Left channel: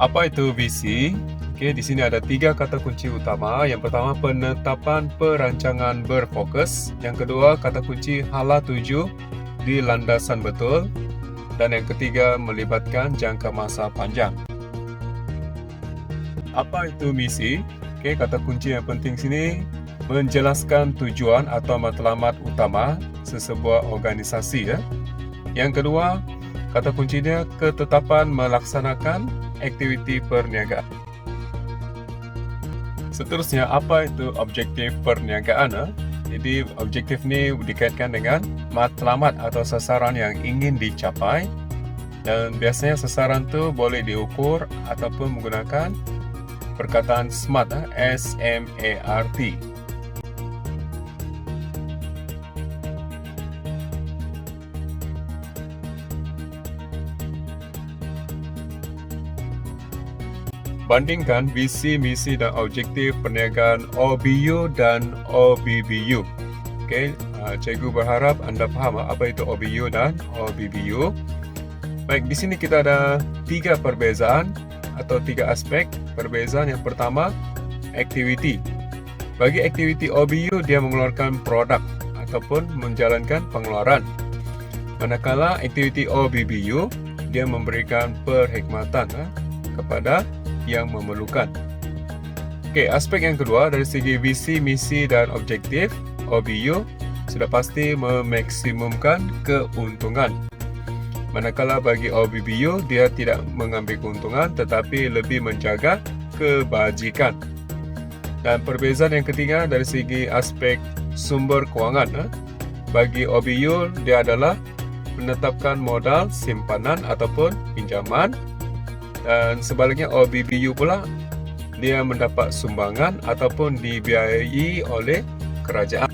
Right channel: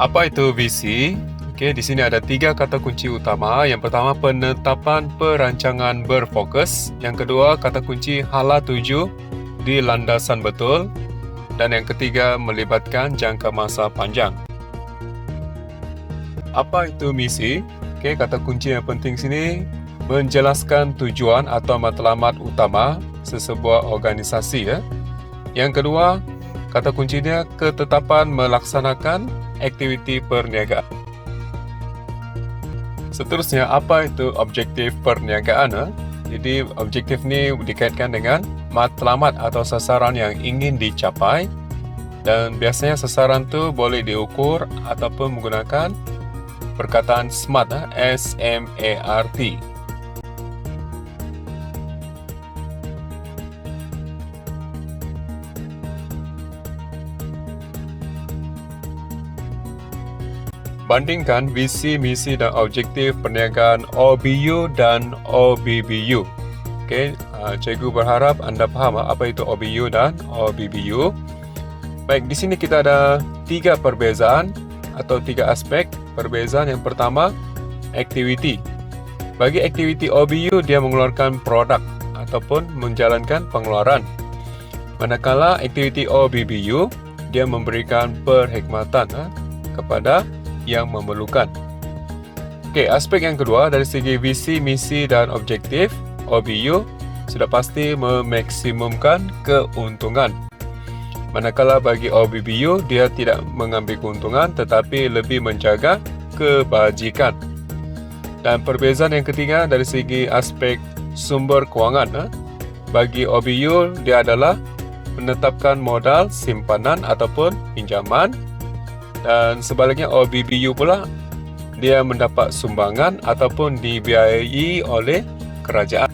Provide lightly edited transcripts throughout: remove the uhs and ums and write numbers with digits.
Apa itu visi? Okey, di sini ada 3 kata kunci utama. Yang pertama, penetapan perancangan berfokus. Yang kedua, kata kunci hala tuju di landasan betul. Dan yang ketiga, melibatkan jangka masa panjang. Apa itu misi? Okey, kata kunci yang penting sini menjelaskan tujuan atau matlamat utama sesebuah organisasi. Yang kedua, kata kuncinya ketetapan melaksanakan aktiviti perniagaan. Seterusnya, apa itu objektif perniagaan? Jadi, objektif ni dikaitkan dengan matlamat atau sasaran yang ingin dicapai. Dan biasanya sasaran tu boleh diukur ataupun menggunakan perkataan SMART, S-M-A-R-T. Bandingkan visi, misi dan objektif perniagaan OBU dan OBBU. Okey, cikgu berharap anda faham apa itu OBU dan OBBU. Baik, di sini kita ada 3 perbezaan atau 3 aspek perbezaan. Yang pertama, aktiviti. Bagi aktiviti OBU, dia mengeluarkan produk ataupun menjalankan pengeluaran. Manakala aktiviti OBBU, dia memberikan perkhidmatan kepada yang memerlukan. Okey, aspek yang kedua dari segi visi, misi dan objektif OBU sudah pasti memaksimumkan keuntungan. Manakala bagi OBBU, dia tidak mengambil keuntungan tetapi lebih menjaga kebajikan. Dan perbezaan yang ketiga dari segi aspek sumber kewangan. Bagi OBU, dia adalah menetapkan modal simpanan ataupun pinjaman. Dan sebaliknya OBBU pula, dia mendapat sumbangan ataupun dibiayai oleh kerajaan.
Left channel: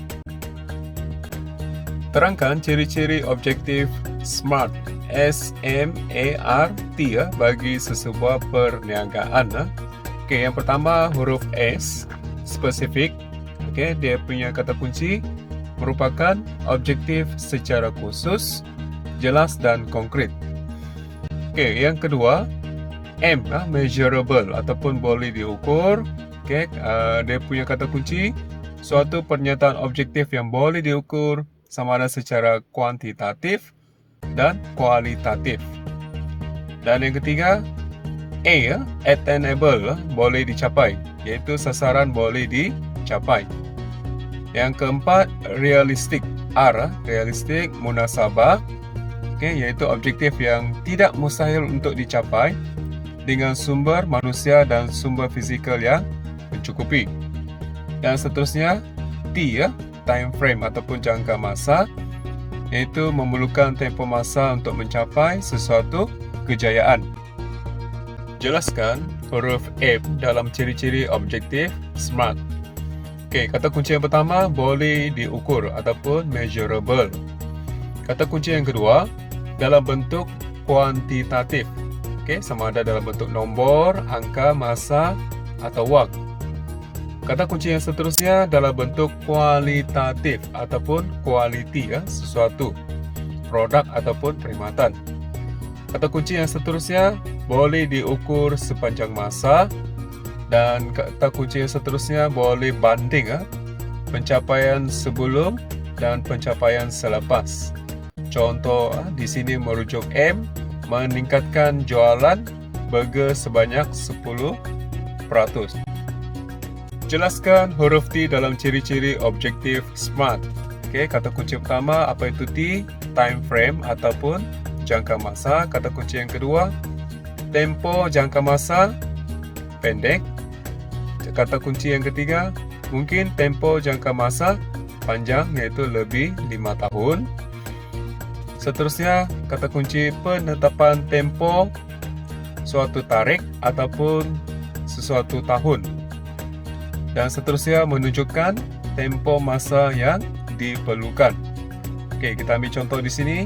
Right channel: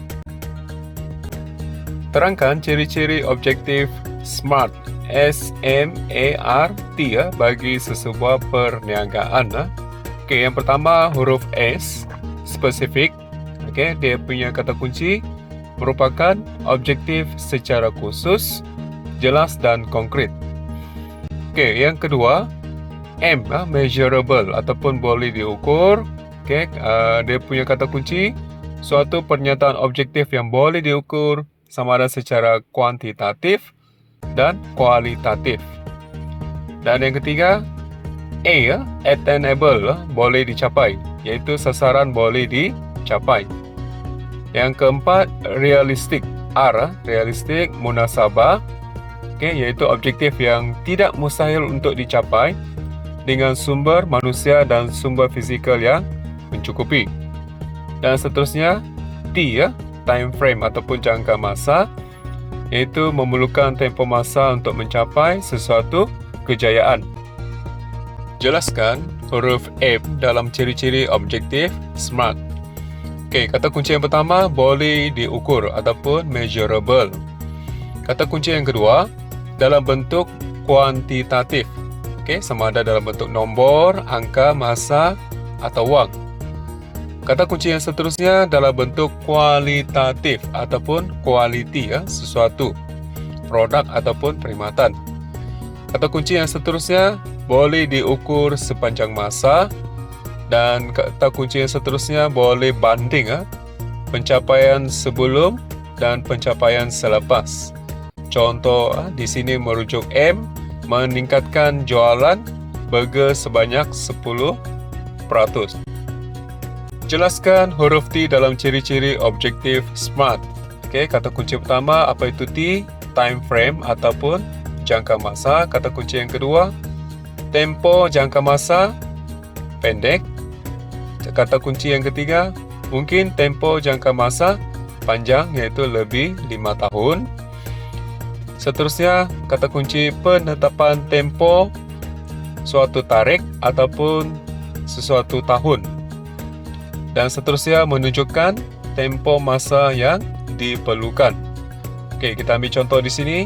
Terangkan ciri-ciri objektif SMART, S-M-A-R-T bagi sesebuah perniagaan. Okey, yang pertama huruf S, spesifik. Okey, dia punya kata kunci merupakan objektif secara khusus, jelas dan konkret. Okey, yang kedua M, measurable ataupun boleh diukur. Okay, dia punya kata kunci suatu pernyataan objektif yang boleh diukur sama ada secara kuantitatif dan kualitatif. Dan yang ketiga A, attainable, boleh dicapai, iaitu sasaran boleh dicapai. Yang keempat realistik, R, realistik, munasabah, okay, iaitu objektif yang tidak mustahil untuk dicapai dengan sumber manusia dan sumber fizikal yang mencukupi. Dan seterusnya T, time frame ataupun jangka masa, iaitu memerlukan tempoh masa untuk mencapai sesuatu kejayaan. Jelaskan huruf M dalam ciri-ciri objektif SMART. Okey, kata kunci yang pertama boleh diukur ataupun measurable. Kata kunci yang kedua dalam bentuk kuantitatif. Okay, sama ada dalam bentuk nombor, angka, masa atau wang. Kata kunci yang seterusnya dalam bentuk kualitatif ataupun quality, sesuatu, produk ataupun perkhidmatan. Kata kunci yang seterusnya boleh diukur sepanjang masa. Dan kata kunci yang seterusnya boleh banding pencapaian sebelum dan pencapaian selepas. Contoh di sini merujuk M, meningkatkan jualan burger sebanyak 10%. Jelaskan huruf T dalam ciri-ciri objektif SMART. Okey, kata kunci pertama apa itu T? Time frame ataupun jangka masa. Kata kunci yang kedua tempo jangka masa pendek. Kata kunci yang ketiga mungkin tempo jangka masa panjang, iaitu lebih 5 tahun. Seterusnya, kata kunci penetapan tempo suatu tarikh ataupun sesuatu tahun. Dan seterusnya menunjukkan tempo masa yang diperlukan. Okey, kita ambil contoh di sini.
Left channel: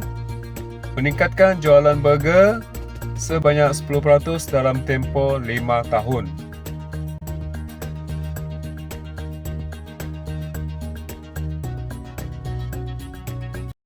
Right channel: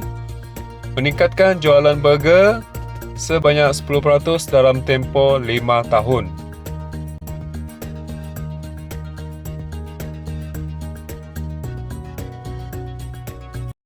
Meningkatkan jualan burger sebanyak 10% dalam tempoh 5 tahun.